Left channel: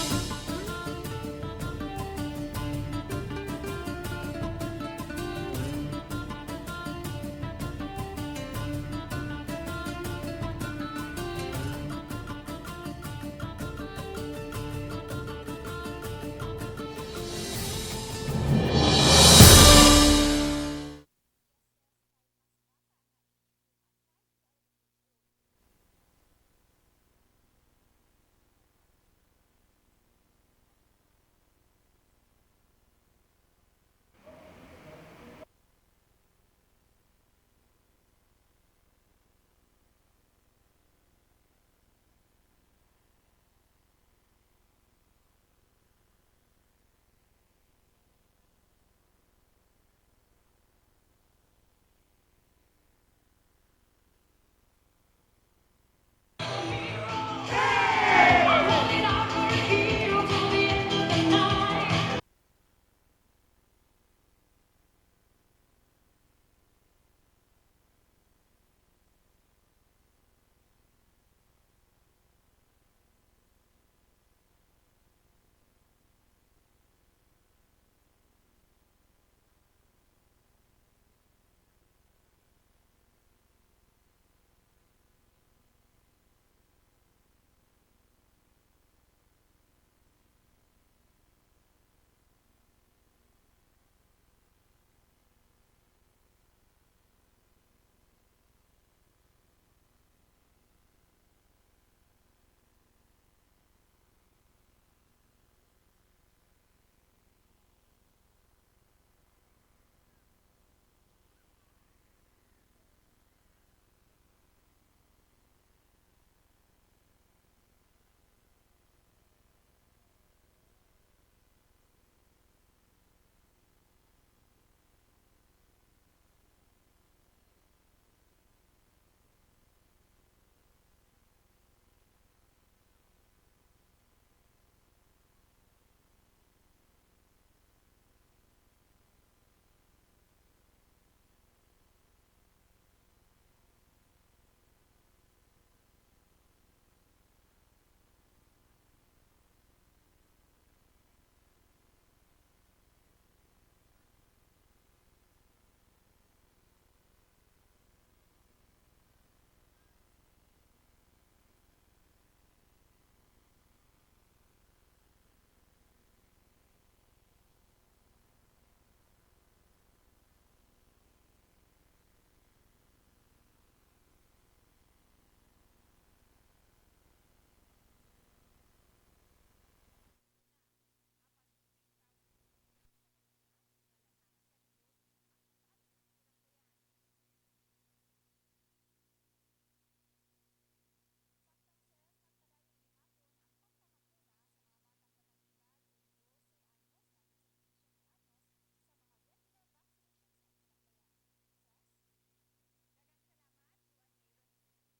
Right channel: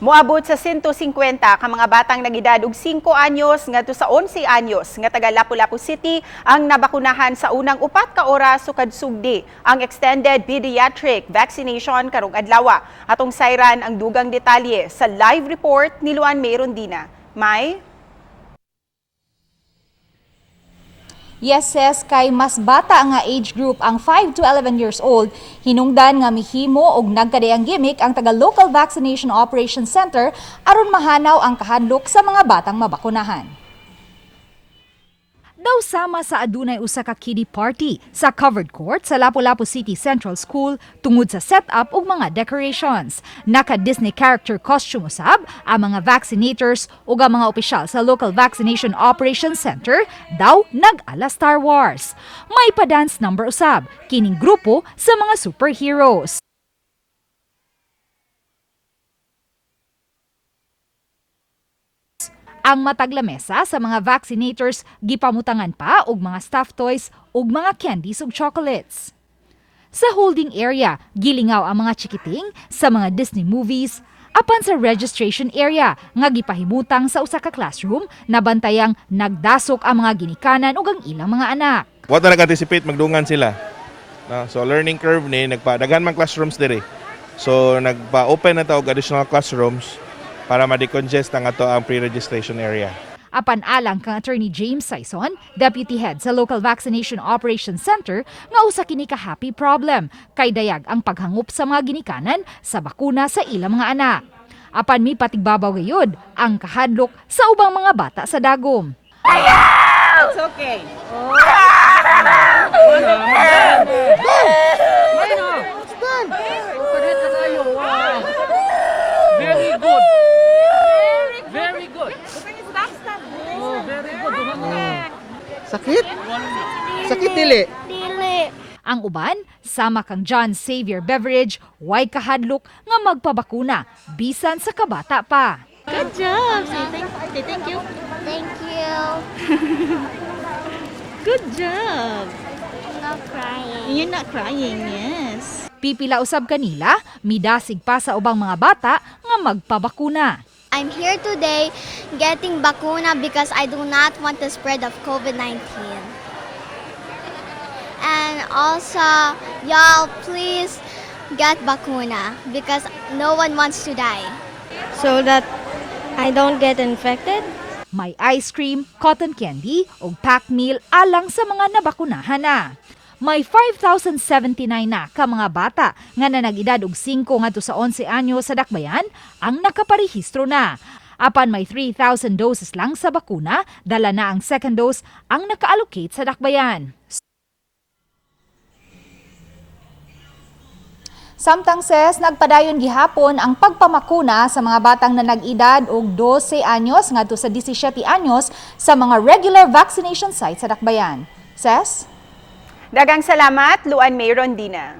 Moabot sa 150 ka mga batang nag-edad og 5 anyos ngadto sa 11 anyos nga taga Lapu-Lapu City ang nabakunahan sa unang 4 ka oras sukad sugdi ang extended pediatric vaccination karong adlaw. Atong sayran ang dugang detalye sa live report ni Luan Mayrondina. May Yes, kay mas bata nga age group ang 5 to 11 years old, hinungdan nga mihimo og nagkadayang gimmick ang taga-local vaccination operation center aron mahanaw ang kahadlok sa mga batang mabakunahan. Daw sama sa adunay usa ka kiddie party sa covered court sa Lapu-Lapu City Central School tungod sa setup ug mga decorations. Naka-Disney character costume usab ang mga vaccinators ug ang mga opisyal sa local vaccination operation center daw nag-ala Star Wars. May pa-dance number usab kining grupo sa mga superheroes. Ang mataglamesa sa mga vaccinators gipamutangan pa og mga stuffed toys ug mga candies ug chocolates. Sa holding area, gilingaw ang mga chikiting sa mga Disney movies, apan sa registration area nga gipahimutang sa usa ka classroom na bantayang nagdasok ang mga ginikanan ug ang ilang mga anak. What na nag-anticipate magdungan sila. So learning curve ni nagpadaghan man classrooms diri. So nagpa-open na ta og additional classrooms para ma-decongest ang ato ang pre-registration area. Apan alang kang Attorney James Sison, Deputy Head sa Local Vaccination Operations Center, nga usa kini ka happy problem kay dayag ang paghangup sa mga ginikanan sa bakuna sa ilang mga anak. Apan mi patigbabaw gayud ang kahadlok sa ubang mga bata sa dagom. It's okay. Very good. Very good. Oh, very good. Sakit? Sakit dili? Ang uban, sama kang John Xavier Beverage, way kahadlok nga magpabakuna, bisan sa kabata pa. Good job. Say thank you. Thank you. Good job. Not crying. You're not crying, yes. Pipila usab kanila, midasig pa sa ubang mga bata nga magpabakuna. I'm here today getting bakuna because I do not want the spread of COVID-19. And also, y'all please get bakuna because no one wants to die. So that I don't get infected? May ice cream, cotton candy o pack meal alang sa mga nabakunahan na. May 5,079 na ka mga bata nga na nag-edad og 5 ngadto sa 11 anyo sa dakbayan ang nakaparehistro na. Apan may 3,000 doses lang sa bakuna, dala na ang second dose ang naka-allocate sa dakbayan. Samtang nagpadayon gihapon ang pagpamakuna sa mga batang na nag-edad og 12 anyos ngadto sa 17 anyos sa mga regular vaccination sites sa dakbayan. Dagang salamat, Luan Mayrondina.